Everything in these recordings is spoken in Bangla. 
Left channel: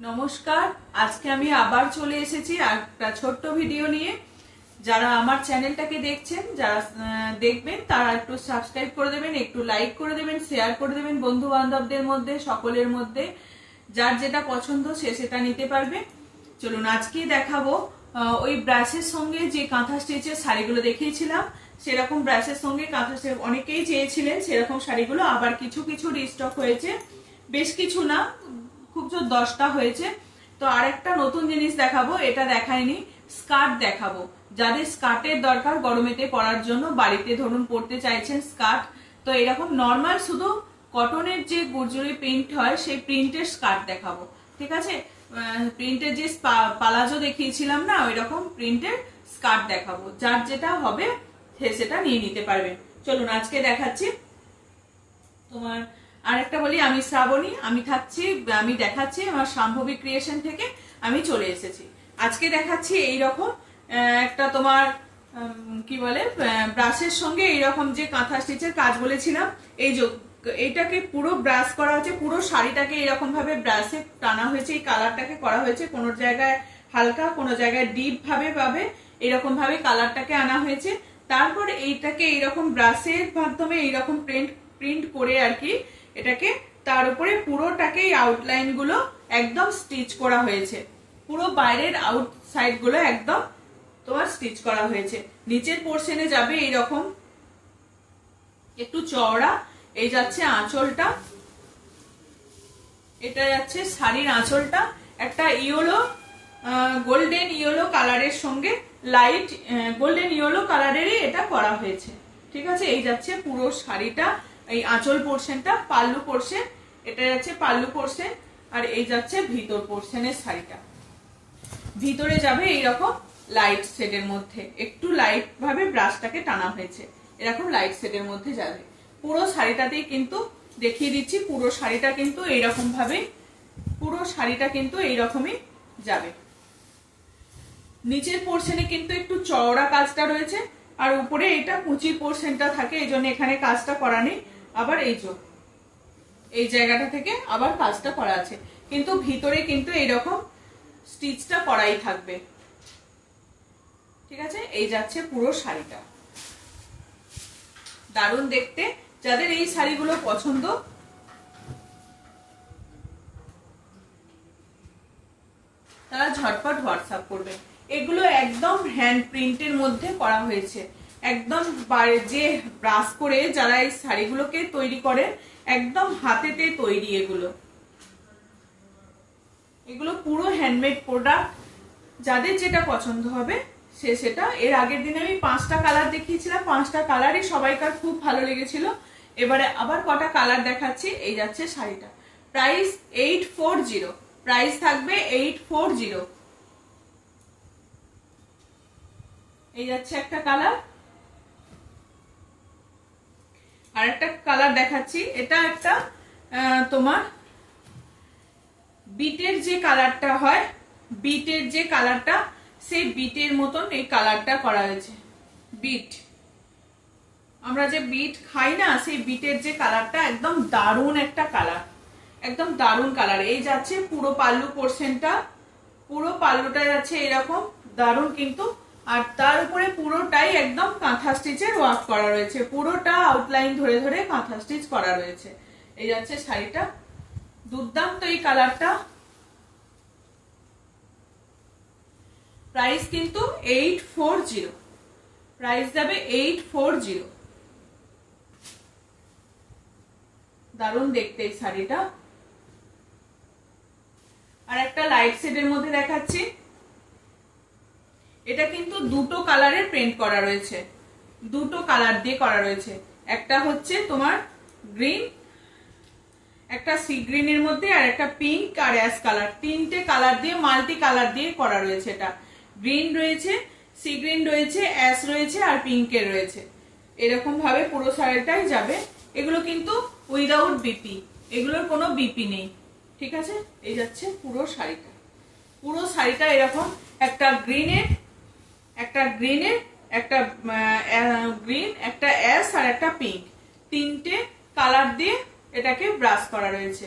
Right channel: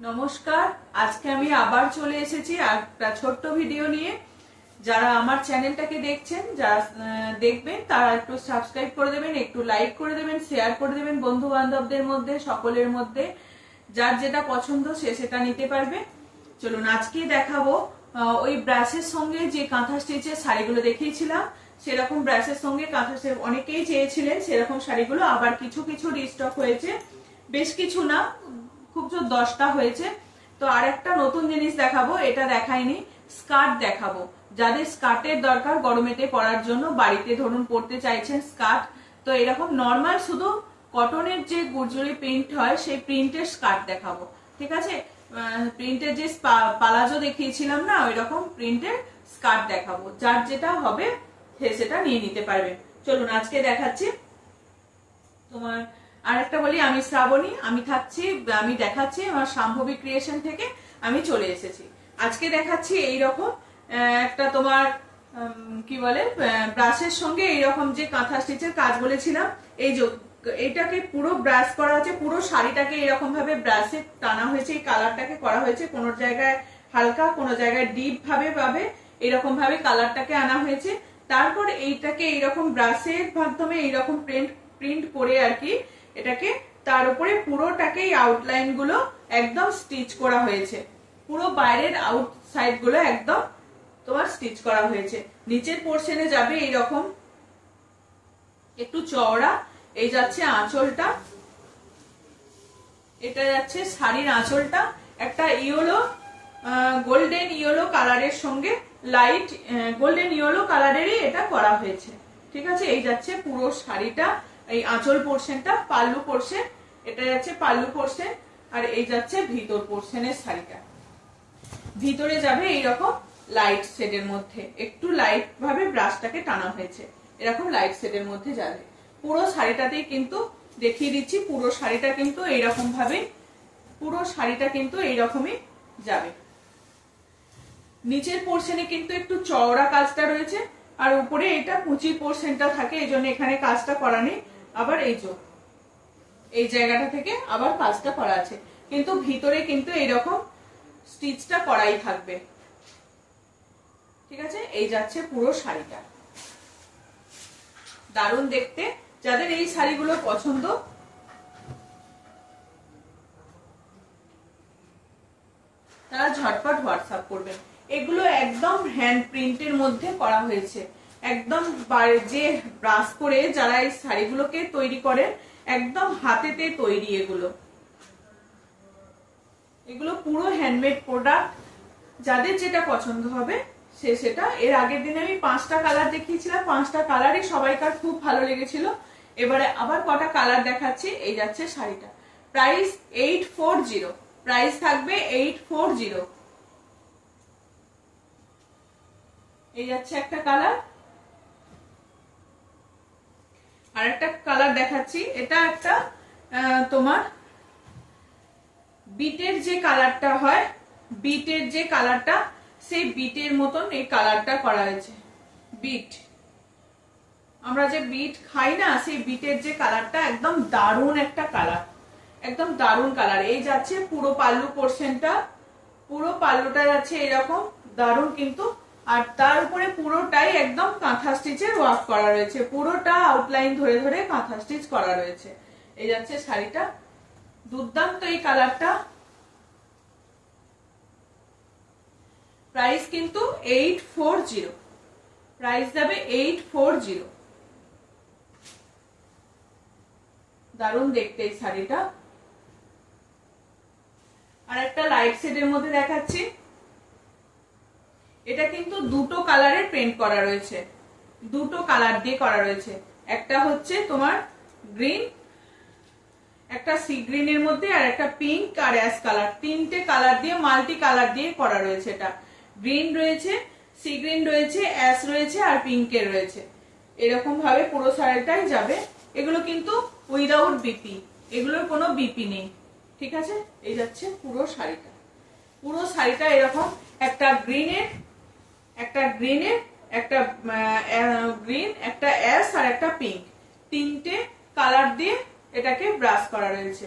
নমস্কার, আজকে আমি আবার চলে এসেছি একটা ছোট্ট ভিডিও নিয়ে। যারা আমার চ্যানেলটাকে দেখছেন, যারা দেখবেন তারা একটু সাবস্ক্রাইব করে দেবেন, একটু লাইক করে দেবেন, শেয়ার করে দেবেন বন্ধু বান্ধবদের মধ্যে, সকলের মধ্যে। যার যেটা পছন্দ সে সেটা নিতে পারবে। চলুন আজকে দেখাবো ওই ব্রাশের সঙ্গে যে কাঁথা স্টিচের শাড়িগুলো দেখিয়েছিলাম, সেরকম ব্রাশের সঙ্গে কাঁথা স্টিচ অনেকেই চেয়েছিলেন, সেরকম শাড়িগুলো আবার কিছু কিছু রিস্টক হয়েছে, বেশ কিছু না, খুব জোর 10টা হয়েছে। তো আর একটা নতুন জিনিস দেখাবো, এটা দেখাইনি, স্কার্ট দেখাবো। যাদের স্কার্টের দরকার গরমেতে পরার জন্য, বাড়িতে ধরুন পরতে চাইছেন স্কার্ট, তো এরকম নর্মাল শুধু কটনের যে গুজরি প্রিন্ট হয় সেই প্রিন্টের স্কার্ট দেখাবো। ঠিক আছে, প্রিন্টের যে পালাজো দেখিয়েছিলাম না, ওই রকম প্রিন্টের স্কার্ট দেখাবো। যার যেটা হবে সেটা নিয়ে নিতে পারবেন। চলুন আজকে দেখাচ্ছি। তোমার আরেকটা বলি, আমি শ্রাবণী, আমি দেখাচ্ছি আমার শাম্ভবী ক্রিয়েশন থেকে আমি চলে এসেছি। আজকে দেখাচ্ছি এইরকম একটা তোমার কি বলে ব্রাশের সঙ্গে এইরকম যে কাঁথা স্টিচের কাজ বলেছিলাম, এই যে এইটাকে পুরো ব্রাশ করা হয়েছে, পুরো শাড়িটাকে এরকম ভাবে ব্রাশে টানা হয়েছে, এই কালারটাকে করা হয়েছে, কোনো জায়গায় হালকা, কোনো জায়গায় ডিপ ভাবে এরকম ভাবে কালারটাকে আনা হয়েছে। তারপর এইটাকে এইরকম ব্রাশের মাধ্যমে এইরকম প্রিন্ট করে আর কি এটাকে তার উপরে পুরোটাকে আউটলাইন গুলো একদম স্টিচ করা হয়েছে, পুরো বাইরের আউটসাইড গুলো একদম তোমার স্টিচ করা হয়েছে। নিচের পোর্শনে যাবে এইরকম একটু চওড়া, এই যাচ্ছে আঁচলটা, এটা যাচ্ছে শাড়ির আঁচলটা, একটা ইয়েলো গোল্ডেন ইয়েলো কালারের সঙ্গে লাইট গোল্ডেন ইয়েলো কালারেরই এটা করা হয়েছে। ঠিক আছে, এই যাচ্ছে পুরো শাড়িটা, এই আঁচল পোর্শনটা, পাল্লু পোর্শন, এটা যাচ্ছে পাল্লু পোর্শন, আর এই যাচ্ছে ভিতর পোর্শনের শাড়িটা। ভিতরে যাবে এইরকম লাইট শেডের মধ্যে, একটু লাইট ভাবে ব্রাশটাকে টানা হয়েছে, এরকম লাইট শেডের মধ্যে যাবে। পুরো শাড়িটাতেই কিন্তু দেখিয়ে দিচ্ছি, পুরো শাড়িটা কিন্তু এইরকম ভাবে, পুরো শাড়িটা কিন্তু এইরকমই যাবে। নিচের পোর্শনে কিন্তু একটু চওড়া কাজটা রয়েছে, আর উপরে এটা কুচির পোর্শনটা থাকে, এই জন্য এখানে কাজটা করা নেই। আবার এই জায়গাটা থেকে আবার কাজটা করা আছে, কিন্তু ভিতরে কিন্তু এইরকম স্টিচটা করাই থাকবে। ঠিক আছে, এই যাচ্ছে পুরো শাড়িটা, দারুণ দেখতে। যাদের এই শাড়িগুলো পছন্দ তারা ঝটপট হোয়াটসঅ্যাপ করবেন। এগুলো একদম হ্যান্ড প্রিন্টের মধ্যে করা হয়েছে, একদম যে ব্রাশ করে যারা এই শাড়িগুলোকে তৈরি করে, একদম হাতেতে তৈরি। এগুলো পুরো হ্যান্ডমেড প্রোডাক্ট। যাদের যেটা পছন্দ হবে সে সেটা। এর আগের দিনে আমি 5টা কালার দেখিয়েছিলাম, 5টা কালারই সবাইকার খুব ভালো লেগেছিল। এবারে আবার কটা কালার দেখাচ্ছি। এই যাচ্ছে শাড়িটা, প্রাইস 840, প্রাইস থাকবে 840। এই যাচ্ছে একটা কালার, আর একটা কালার দেখাচ্ছি। এটা একটা তোমার বিটের যে কালারটা হয়, বিটের যে কালারটা, সেই বিটের মতন এই কালারটা করা হয়েছে। বিট, আমরা যে বিট খাই না, সেই বিটের যে কালারটা, একদম দারুণ একটা কালার, একদম দারুণ কালার। এই যাচ্ছে পুরো পাল্লু পোর্শনটা, পুরো পাল্লুটা যাচ্ছে এরকম দারুণ কিন্তু। আর তার উপরে পুরোটাই একদম কাঁথা স্টিচের ওয়ার্ক করা রয়েছে, পুরোটা আউটলাইন ধরে ধরে কাঁথা স্টিচ করা রয়েছে। এই যাচ্ছে শাড়িটা, দুর্দান্ত এই কালারটা। প্রাইস কিন্তু 840, প্রাইস যাবে 840। দারুণ দেখতে এই শাড়িটা। আর একটা লাইট শেডের মধ্যে দেখাচ্ছি। এটা কিন্তু দুটো কালারের প্রিন্ট করা রয়েছে, দুটো কালার দিয়ে করা রয়েছে। একটা হচ্ছে তোমার গ্রিন, একটা সি গ্রিনের মধ্যে, আর একটা পিঙ্ক আর অ্যাশ কালার, তিনটে কালার দিয়ে মাল্টি কালার দিয়ে করা রয়েছে। এটা গ্রিন রয়েছে, সি গ্রিন রয়েছে, অ্যাশ রয়েছে, আর পিঙ্কের রয়েছে। এরকম ভাবে পুরো শাড়িটাই যাবে। এগুলো কিন্তু উইদাউট বিপি, এগুলোর কোনো বিপি নেই। ঠিক আছে, এই যাচ্ছে পুরো শাড়িটা, পুরো শাড়িটা এরকম একটা গ্রিনের, একটা গ্রিনের, একটা গ্রিন, একটা অ্যাশ, আর একটা পিঙ্ক, তিনটে কালার দিয়ে এটাকে ব্রাশ করা রয়েছে।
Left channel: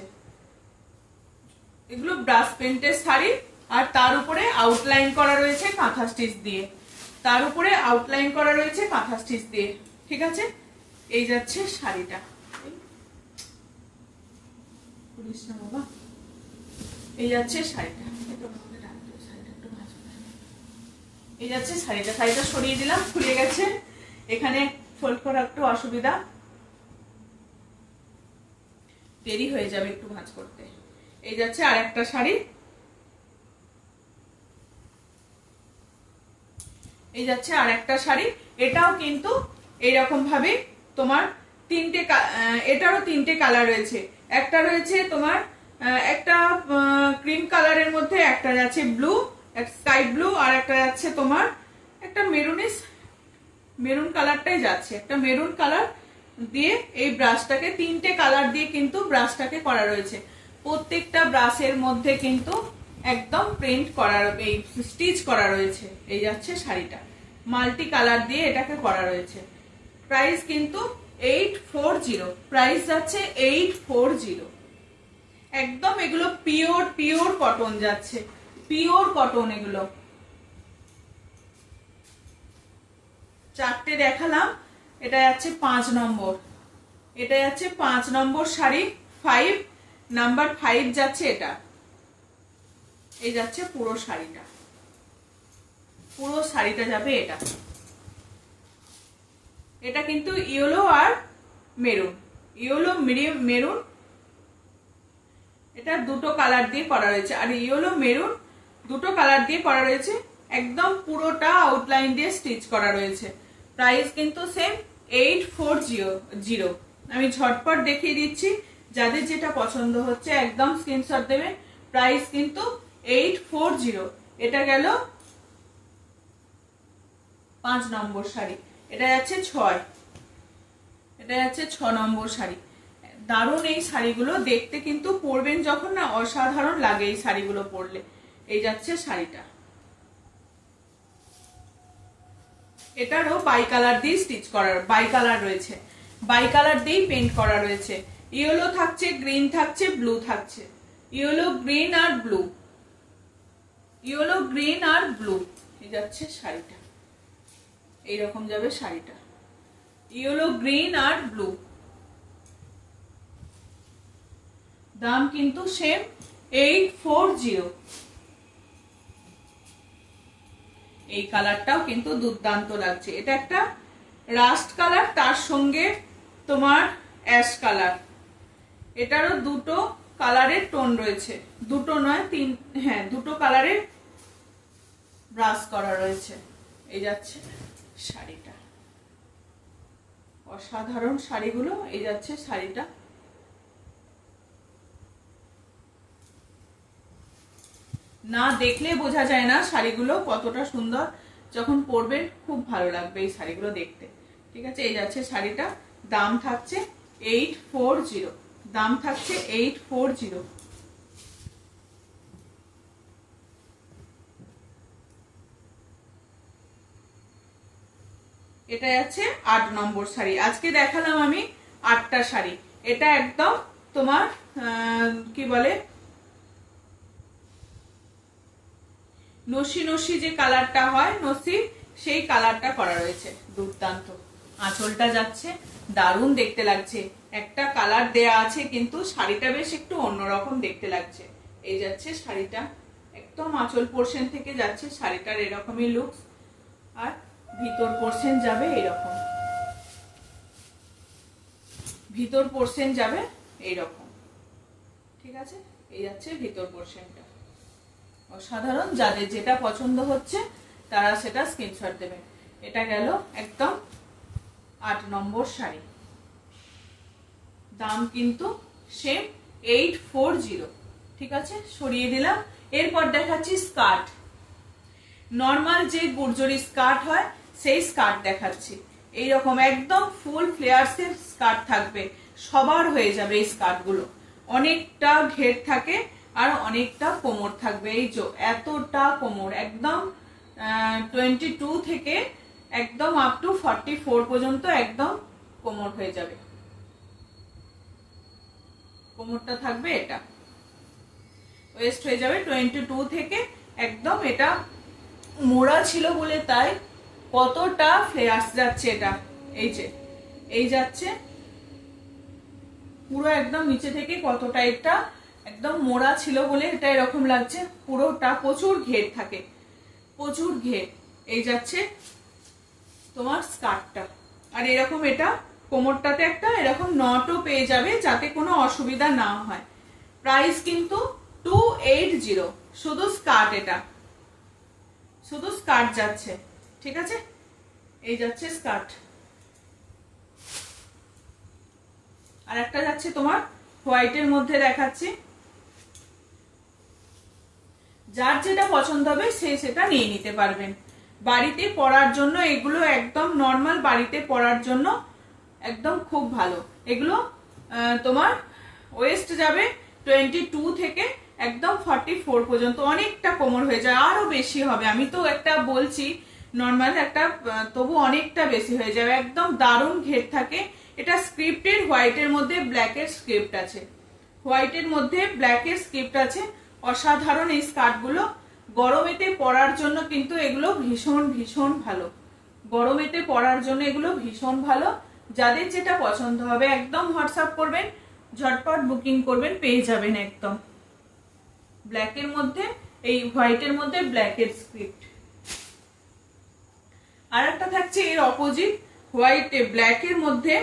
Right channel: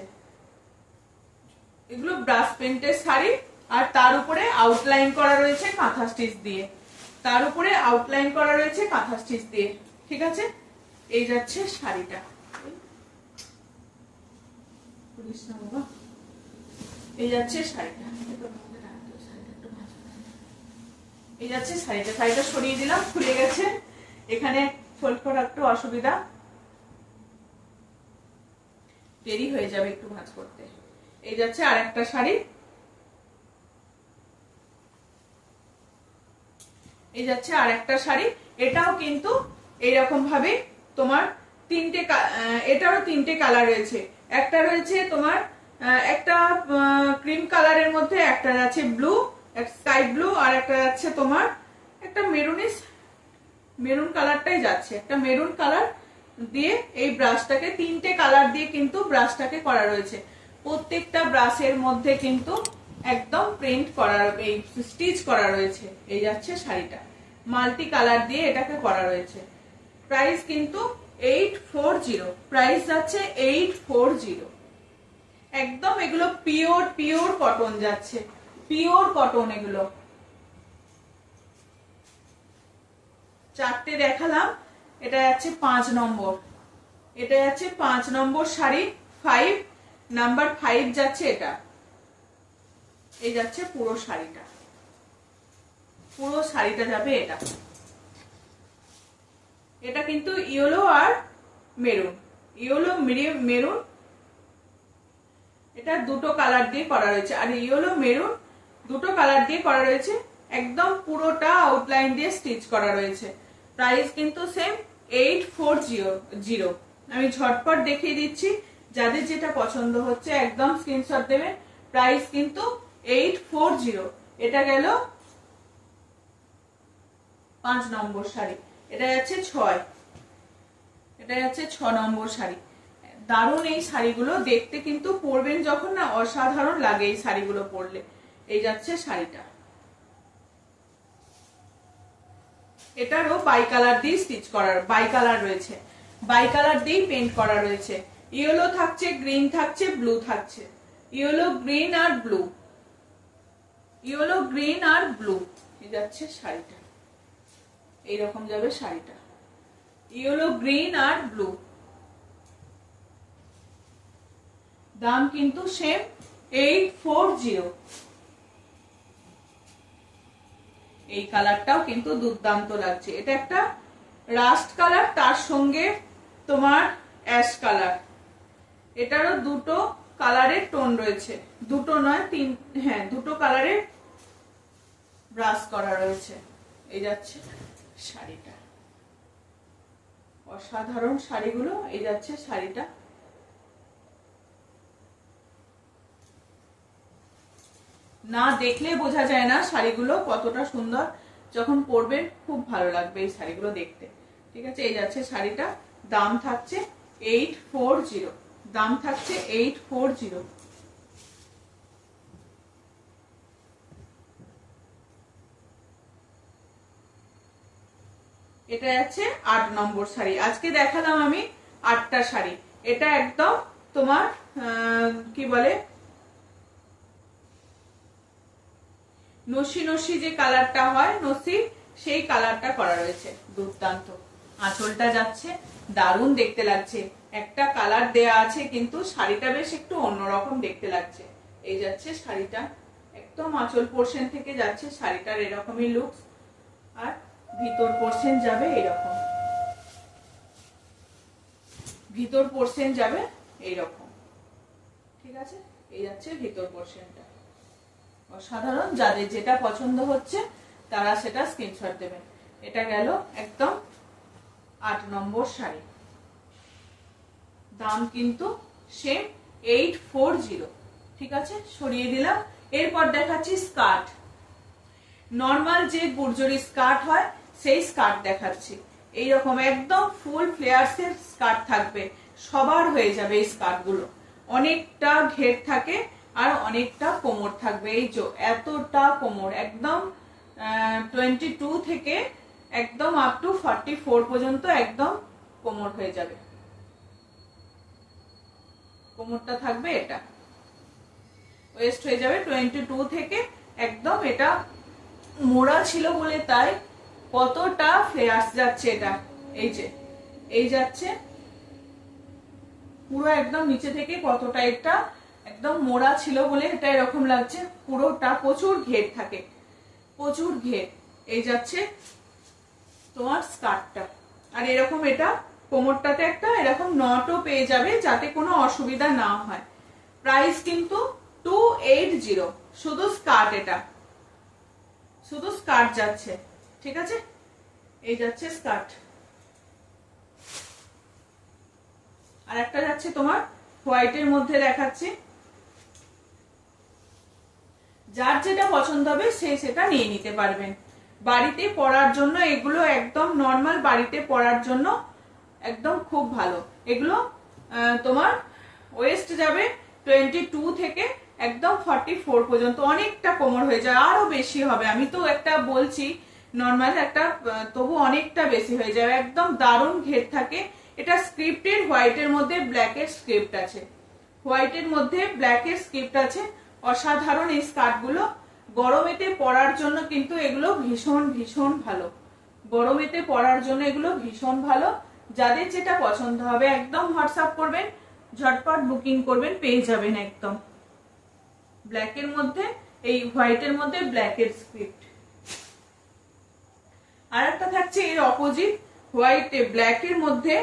এগুলো ব্রাশ পেন্টের শাড়ি, আর তার উপরে আউটলাইন করা রয়েছে কাঁথা স্টিচ দিয়ে, তার উপরে আউটলাইন করা রয়েছে কাঁথা স্টিচ দিয়ে। ঠিক আছে, এই যাচ্ছে শাড়িটা, এই যাচ্ছে শাড়িটা, এই যাচ্ছে শাড়িটা। শাড়িটা সরিয়ে দিলাম, খুলে গেছে, এখানে ফোল্ড করা একটু অসুবিধা, দেরি হয়ে যাবে একটু ভাঁজ করতে। এই যাচ্ছে আর একটা শাড়ি, এই যাচ্ছে আর একটা শাড়ি। এটাও কিন্তু এইরকম ভাবে তোমার তিনটে, এটারও তিনটে কালার রয়েছে। একটা রয়েছে তোমার একটা ক্রিম কালারের মধ্যে, একটা যাচ্ছে ব্লু, স্কাই ব্লু, আর একটা যাচ্ছে তোমার একটা মেরুনিশ, মেরুন কালারটাই যাচ্ছে, একটা মেরুন কালার দিয়ে এই ব্রাশটাকে, তিনটে কালার দিয়ে কিন্তু ব্রাশটাকে করা রয়েছে। প্রত্যেকটা ব্রাশের মধ্যে কিন্তু একদম প্রিন্ট করা, এই স্টিচ করা রয়েছে। এই যাচ্ছে শাড়িটা, মাল্টি কালার দিয়ে এটাকে করা রয়েছে। প্রাইস কিন্তু 840, প্রাইস যাচ্ছে 840। একদম এগুলো পিওর পিওর কটন যাচ্ছে, পিওর কটন এগুলো। চারটে দেখালাম, এটা যাচ্ছে 5 নম্বর, এটা যাচ্ছে 5 নম্বর শাড়ি, 5 নাম্বার 5 যাচ্ছে এটা। এই যাচ্ছে পুরো শাড়িটা, পুরো শাড়িটা যাবে এটা। এটা কিন্তু ইয়েলো আর মেরুন, ইয়েলো মেরুন, এটা দুটো কালার দিয়ে করা রয়েছে, আর ইয়েলো মেরুন দুটো কালার দিয়ে করা রয়েছে। একদম পুরোটা আউটলাইন দিয়ে স্টিচ করা রয়েছে। প্রাইস কিন্তু সেম 840। আমি ঝটপট দেখিয়ে দিচ্ছি, যাদের যেটা পছন্দ হচ্ছে একদম স্ক্রিনশট দেবেন। প্রাইস কিন্তু 840। এটা গেল 5 নম্বর শাড়ি। এটা যাচ্ছে 6, এটা যাচ্ছে 6 নম্বর শাড়ি। দারুণ এই শাড়িগুলো দেখতে, কিন্তু পরবেন যখন না অসাধারণ লাগে এই শাড়িগুলো পরলে। এই যাচ্ছে শাড়িটা, এটারও বাই কালার দিয়ে স্টিচ করার, বাই কালার রয়েছে, বাই কালার দিয়ে পেইন্ট করা রয়েছে। ইয়েলো থাকছে, গ্রিন থাকছে, ব্লু থাকছে, ইয়েলো গ্রিন আর ব্লু, ইয়েলো গ্রিন আর ব্লু। এই যাচ্ছে শাড়িটা, এইরকম যাবে শাড়িটা, ইয়েলো গ্রিন আর ব্লু। দাম কিন্তু সেম 840। এই কালারটাও কিন্তু দুর্দান্ত লাগছে। এটা একটা রাস্ট কালার, তার সঙ্গে তোমার অ্যাশ কালার। এটারও দুটো কালারের টোন রয়েছে, দুটো নয় তিন, হ্যাঁ দুটো কালারের ব্রাশ করা রয়েছে। এই যাচ্ছে শাড়িটা, অসাধারণ শাড়িগুলো। এই যাচ্ছে শাড়িটা, না দেখলে বোঝা যায় না শাড়িগুলো কতটা সুন্দর, যখন পরবেন খুব ভালো লাগবে এই শাড়িগুলো দেখতে। ঠিক আছে, এই যাচ্ছে শাড়িটা, দাম থাকছে 840, দাম থাকছে 840। এটা যাচ্ছে 8 নম্বর শাড়ি। আজকে দেখালাম আমি 8টা শাড়ি। এটা একদম তোমার কি বলে, নসি নসি যে কালারটা হয়, নসি, সেই কালারটা করা রয়েছে। দুর্দান্ত, আঁচলটা যাচ্ছে, দারুণ দেখতে লাগছে। একটা কালার দেয়া আছে, কিন্তু শাড়িটা বেশ একটু অন্যরকম দেখতে লাগছে। এই যাচ্ছে শাড়িটা, একদম আঁচল পোর্শন থেকে যাচ্ছে শাড়িটার এরকমই লুক, আর ভিতর পোর্শন যাবে এরকম, ভিতর পোর্শন যাবে এইরকম। ঠিক আছে, এই যাচ্ছে ভিতর পোর্শনটা। অসাধারণ, যাদের যেটা পছন্দ হচ্ছে তারা সেটা স্ক্রিনশট দেবেন। এটা গেল একদম 8 নম্বর শাড়ি, দাম কিন্তু সেম 840। ঠিক আছে, সরিয়ে দিলাম। এরপর দেখাচ্ছি স্কার্ট। নর্মাল যে গুর্জরি স্কার্ট হয় সেই স্কার্ট দেখাচ্ছি। এইরকম একদম ফুল ফ্লেয়ার্স এর স্কার্ট থাকবে, সবার হয়ে যাবে এই স্কার্ট গুলো। অনেকটা ঘের থাকে আর অনেকটা কোমর থাকবে। এই যে এতটা কোমর, একদম 22 থেকে একদম আপ টু 44 পর্যন্ত একদম কোমর হয়ে যাবে। কোমরটা থাকবে এটা, ওয়েস্ট হয়ে যাবে 22 থেকে। একদম এটা মোড়া ছিল বলে তাই কতটা ফ্লেয়ার্স যাচ্ছে। এটা এই যে এই যাচ্ছে পুরো একদম নিচে থেকে কতটা, এটা একদম মোড়া ছিল বলে এটা এরকম লাগছে। পুরোটা প্রচুর ঘের থাকে, প্রচুর ঘের। এই যাচ্ছে তোমার স্কার্টটা। আর এরকম এটা কোমরটাতে একটা এরকম নটও পেয়ে যাবে যাতে কোনো অসুবিধা না হয়। প্রাইস কিন্তু 280, শুধু স্কার্ট। এটা শুধু স্কার্ট যাচ্ছে, ঠিক আছে? এই যাচ্ছে স্কার্ট। আর একটা যাচ্ছে তোমার হোয়াইটের মধ্যে দেখাচ্ছি। যার যেটা পছন্দ হবে সে সেটা নিয়ে নিতে পারবেন। বাড়িতে পরার জন্য এগুলো একদম নর্মাল, বাড়িতে পরার জন্য একদম খুব ভালো। এগুলো তোমার ওয়েস্ট যাবে 22 থেকে একদম 44 পর্যন্ত। অনেকটা কোমর হয়ে যায়, আরো বেশি হবে। আমি তো একটা বলছি নর্মাল একটা, তবু অনেকটা বেশি হয়ে যাবে। একদম দারুণ ঘের থাকে। এটা স্ক্রিপ্টের, হোয়াইটের মধ্যে ব্ল্যাকের স্ক্রিপ্ট আছে, হোয়াইটের মধ্যে ব্ল্যাকের স্ক্রিপ্ট আছে। অসাধারণ এই স্কার্ট গুলো। গরমেতে পরার জন্য কিন্তু এগুলো ভীষণ ভীষণ ভালো। গরমেতে পরার জন্য এগুলো ভীষণ ভালো। যাদের যেটা পছন্দ হবে একদম হোয়াটসঅ্যাপ করবেন, ঝটপট বুকিং করবেন, পেয়ে যাবেন। একদম ব্ল্যাকের মধ্যে, এই হোয়াইটের মধ্যে ব্ল্যাকের স্ক্রিপ্ট। আর একটা থাকছে এর অপোজিট, হোয়াইটে ব্ল্যাকের মধ্যে,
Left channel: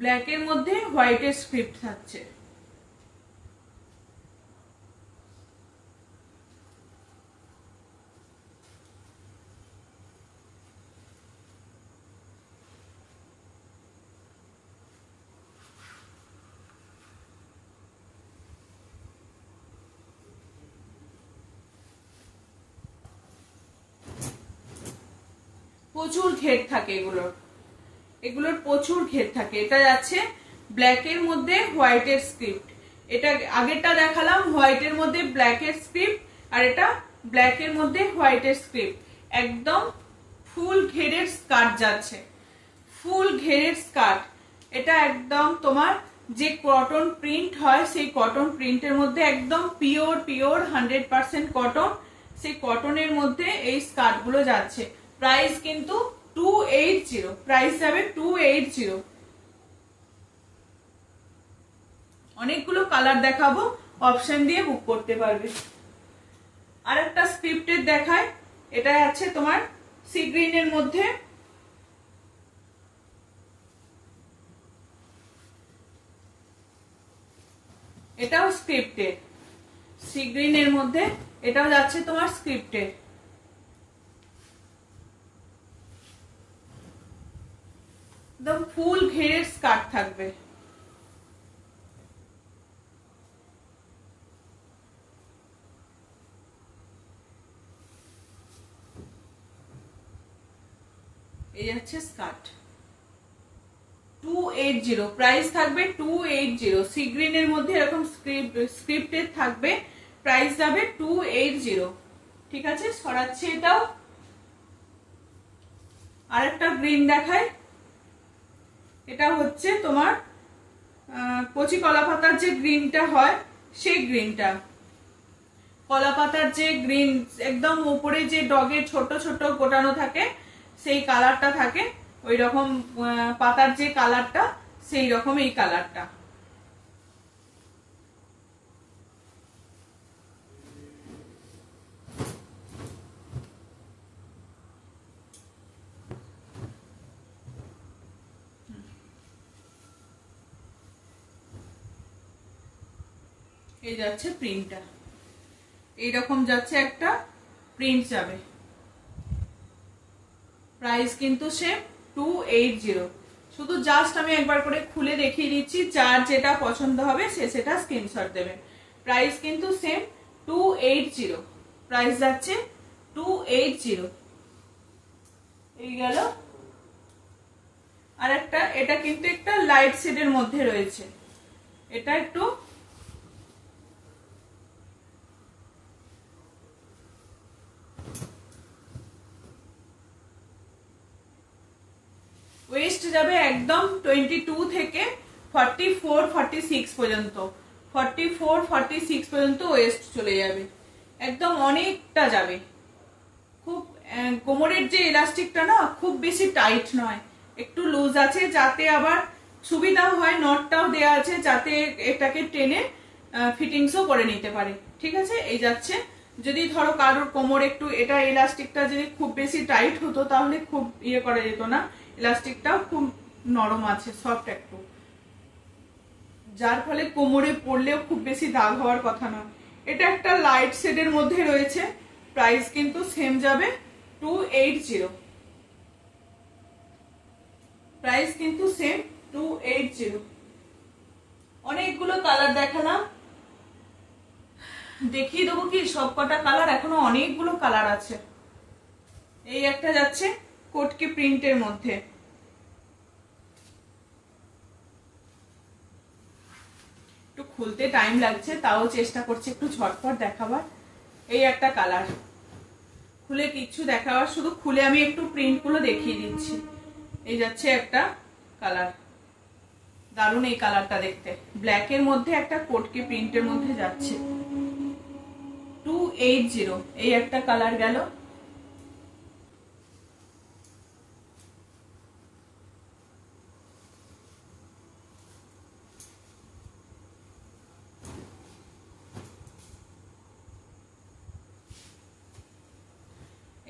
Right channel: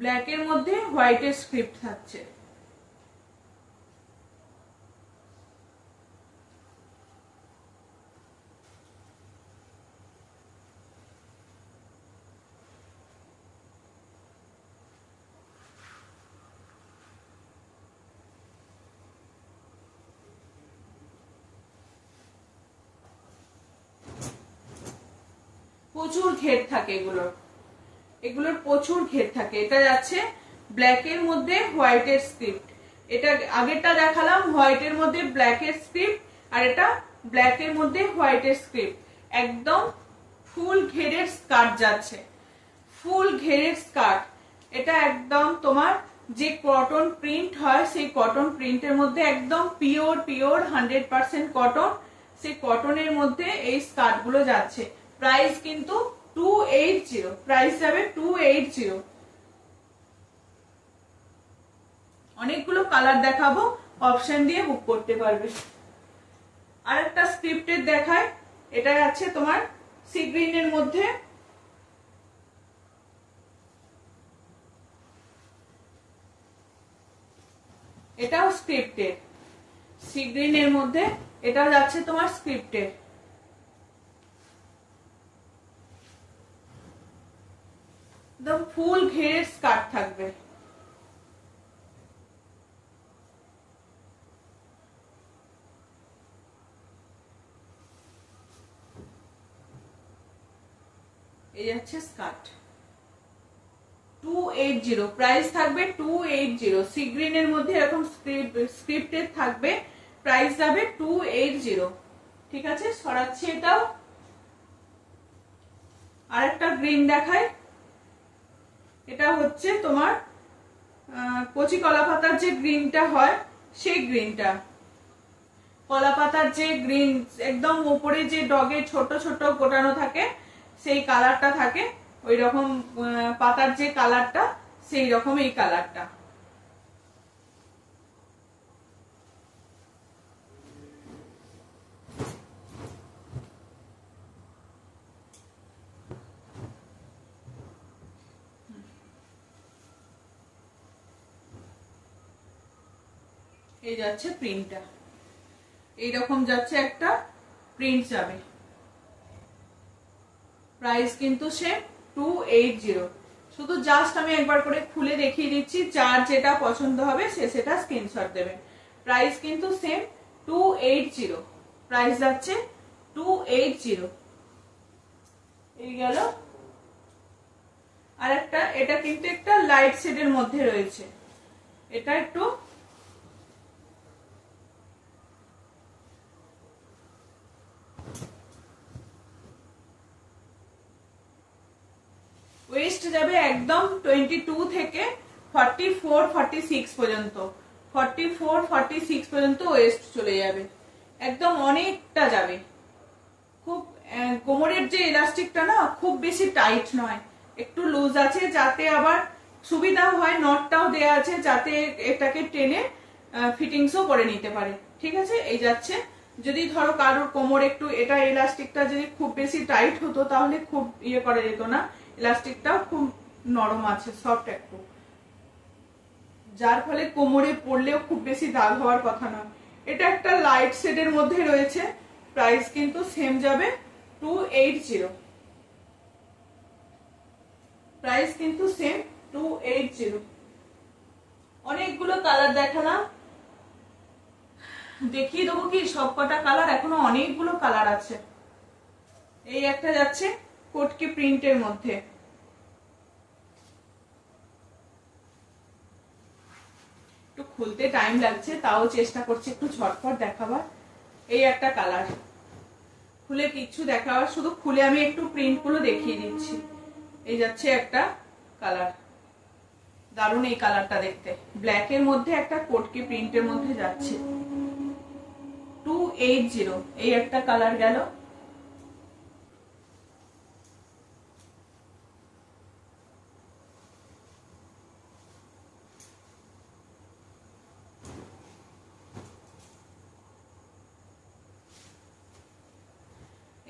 ব্ল্যাকের মধ্যে হোয়াইটের স্ক্রিপ্ট থাকছে। প্রচুর ঘের থাকে এগুলোর, এগুলোর প্রচুর ঘের থাকে। এটা যাচ্ছে ব্ল্যাকের মধ্যে হোয়াইটের স্ক্রিপ্ট। এটা আগেরটা দেখালাম হোয়াইটের মধ্যে ব্ল্যাকের স্ক্রিপ্ট, আর এটা ব্ল্যাকের মধ্যে হোয়াইটের স্ক্রিপ্ট। একদম ফুল ঘেরের স্কার্ট যাচ্ছে, ফুল ঘেরের স্কার্ট। এটা একদম তোমার যে কটন প্রিন্ট হয় সেই কটন প্রিন্টের মধ্যে একদম পিওর পিওর 100% কটন, সেই কটনের মধ্যে এই স্কার্ট গুলো যাচ্ছে। প্রাইস কিন্তু 280, প্রাইস যাবে 280। অনেকগুলো কালার দেখাবো, অপশন দিয়ে বুক করতে পারবে। আর একটা স্ক্রিপ্টের দেখায়, এটা আছে তোমার সি গ্রিনের মধ্যে। এটাও স্ক্রিপ্টের, সি গ্রিনের মধ্যে। এটাও যাচ্ছে তোমার স্ক্রিপ্টের। একদম ফুল ঘেরের স্কার্ট থাকবে। এই যাচ্ছে স্কার্ট 280, প্রাইস থাকবে 280। সি গ্রিনের মধ্যে এরকম স্ক্রিপ্টের থাকবে, প্রাইস যাবে 280। ঠিক আছে, সরাচ্ছি এটাও। আর একটা গ্রিন দেখায়, এটা হচ্ছে তোমার কচি কলা পাতার যে গ্রিনটা হয় সেই গ্রিনটা। কলা পাতার যে গ্রিন, একদম উপরে যে ডগের ছোট ছোট গোটানো থাকে সেই কালারটা থাকে, ওই রকম পাতার যে কালারটা সেই রকম এই কালারটা। এই যাচ্ছে প্রিন্টটা, এইরকম যাচ্ছে একটা প্রিন্ট যাবে। প্রাইস কিন্তু সেম 280। শুধু জাস্ট আমি একবার করে খুলে দেখিয়ে দিচ্ছি, যার যেটা পছন্দ হবে সে সেটা স্ক্রিনশট দেবেন। প্রাইস কিন্তু সেম 280, প্রাইস যাচ্ছে 280। এই গেল। আর একটা, এটা কিন্তু একটা লাইট শেডের মধ্যে রয়েছে। এটা একটু ওয়েস্ট যাবে একদম 22 থেকে 44 46 পর্যন্ত, 44 46 পর্যন্ত ওয়েস্ট চলে যাবে, একদম অনেকটা যাবে। খুব কোমরের যে ইলাস্টিকটা না খুব বেশি টাইট নয়, একটু লুজ আছে, যাতে আবার সুবিধাও হয়, নটটাও দেয়া আছে যাতে এটাকে টেনে ফিটিংসও করে নিতে পারে। ঠিক আছে, এই যাচ্ছে। যদি ধরো কারোর কোমর একটু এটা ইলাস্টিকটা যদি খুব বেশি টাইট হতো তাহলে খুব ইয়ে করা যেত না, ইলাস্টিকটাও খুব নরম আছে, সফট একটু, যার ফলে কোমরে পড়লেও খুব বেশি দাগ হওয়ার কথা নয়। এটা একটা লাইট শেডের মধ্যে রয়েছে, প্রাইস কিন্তু সেম যাবে 280, প্রাইস কিন্তু সেম 280। অনেকগুলো কালার দেখালাম, দেখিয়ে দেবো কি সব কটা কালার, এখনো অনেকগুলো কালার আছে। এই একটা যাচ্ছে কোটকি প্রিন্টের মধ্যে, একটু খুলতে টাইম লাগছে, তাও চেষ্টা করছি একটু ঝটপট দেখাবার। এই একটা কালার, খুলে কিচ্ছু দেখাবার, শুধু খুলে আমি একটু প্রিন্ট গুলো দেখিয়ে দিচ্ছি। এই যাচ্ছে একটা কালার, দারুণ এই কালারটা দেখতে, ব্ল্যাক এর মধ্যে একটা কোটকি প্রিন্টের মধ্যে যাচ্ছে, 280। এই একটা কালার গেল।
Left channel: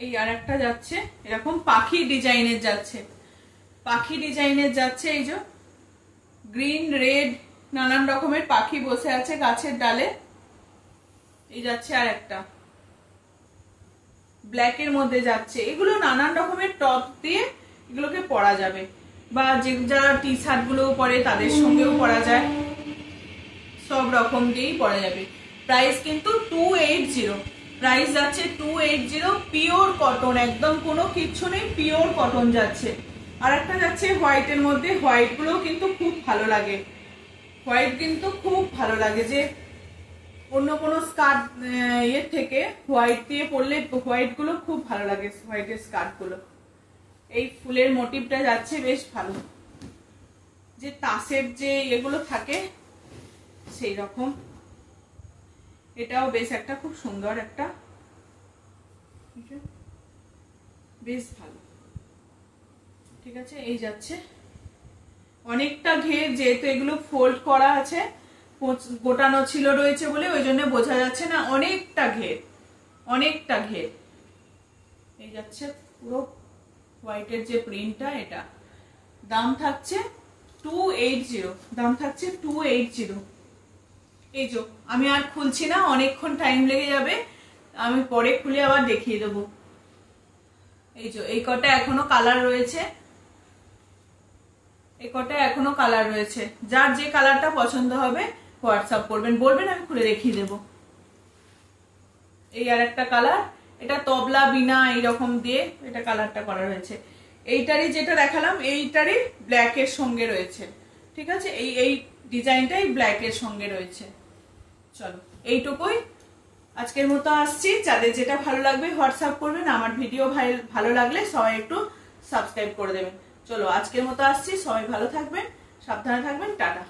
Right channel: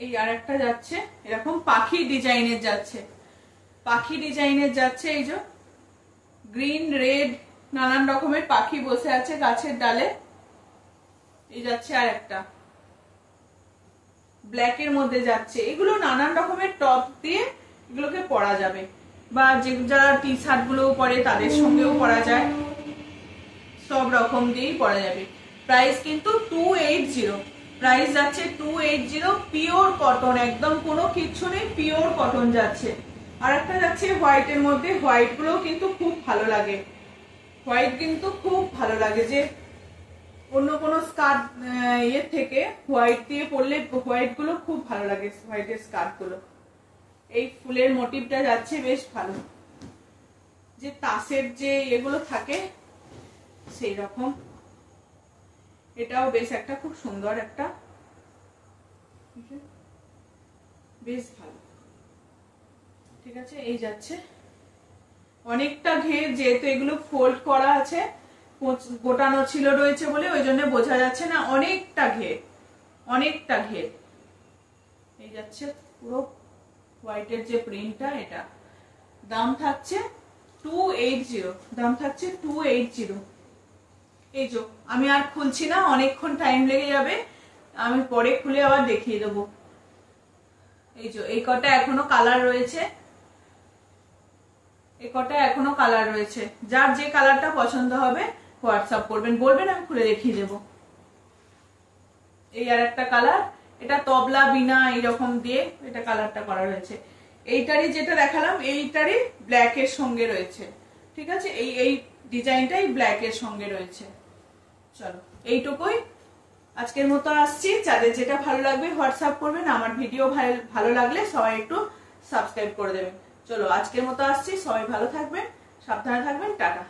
এই আর একটা যাচ্ছে এরকম পাখি ডিজাইনের যাচ্ছে, পাখি ডিজাইনের যাচ্ছে, এই যে গ্রিন রেড নানান রকমের পাখি বসে আছে গাছের ডালে। এই যাচ্ছে আর একটা ব্ল্যাক এর মধ্যে যাচ্ছে, এগুলো নানান রকমের টপ দিয়ে এগুলোকে পরা যাবে, বা যে যারা টি শার্ট গুলো পরে তাদের সঙ্গেও পরা যায়, সব রকম দিয়েই পরা যাবে। প্রাইস কিন্তু 280, প্রাইস যাচ্ছে 280, পিওর কটন, একদম কোনো কিচ্ছু নেই, পিওর কটন যাচ্ছে। আর একটা যাচ্ছে হোয়াইট এর মধ্যে, হোয়াইট গুলো কিন্তু খুব ভালো লাগে, হোয়াইট কিন্তু খুব ভালো লাগে, যে অন্য কোনো স্কার্ট ইয়ে থেকে হোয়াইট দিয়ে পরলে হোয়াইট গুলো খুব ভালো লাগে, হোয়াইটের স্কার্ট গুলো। এই ফুলের মোটিভটা যাচ্ছে বেশ ভালো, যে তাসের যে এগুলো থাকে সেই রকম। এটাও বেশ একটা খুব সুন্দর একটা, বেশ ভালো। ঠিক আছে, এই যাচ্ছে অনেকটা ঘের, যেহেতু এগুলো ফোল্ড করা আছে, গোটানো ছিল রয়েছে বলে ওই জন্য বোঝা যাচ্ছে না, অনেকটা ঘের, অনেকটা ঘের। এই যাচ্ছে পুরো হোয়াইটের যে প্রিন্টটা, এটা দাম থাকছে 280, দাম থাকছে 280। এই যে আমি আর খুলছি না, অনেকক্ষণ টাইম লেগে যাবে, আমি পরে খুলে আবার দেখিয়ে দেবো। এই যে এই কটা এখনো কালার রয়েছে, এই কটা এখনো কালার রয়েছে, যার যে কালারটা পছন্দ হবে হোয়াটসঅ্যাপ করবেন, বলবেন, আমি খুলে দেখিয়ে দেবো। এই আর একটা কালার, এটা তবলা বিনা এইরকম দিয়ে এটা কালারটা করা রয়েছে। এইটারই যেটা দেখালাম এইটারই ব্ল্যাক এর সঙ্গে রয়েছে। ঠিক আছে, এই ডিজাইনটাই ব্ল্যাক এর সঙ্গে রয়েছে। চলো এইটুকুই আজকের মতো আসছি, যাদের যেটা ভালো লাগবে হোয়াটসঅ্যাপ করবেন, আমার ভিডিও ভালো লাগলে সবাই একটু সাবস্ক্রাইব করে দেবেন। চলো আজকের মতো আসছি, সবাই ভালো থাকবেন, সাবধানে থাকবেন, টাটা।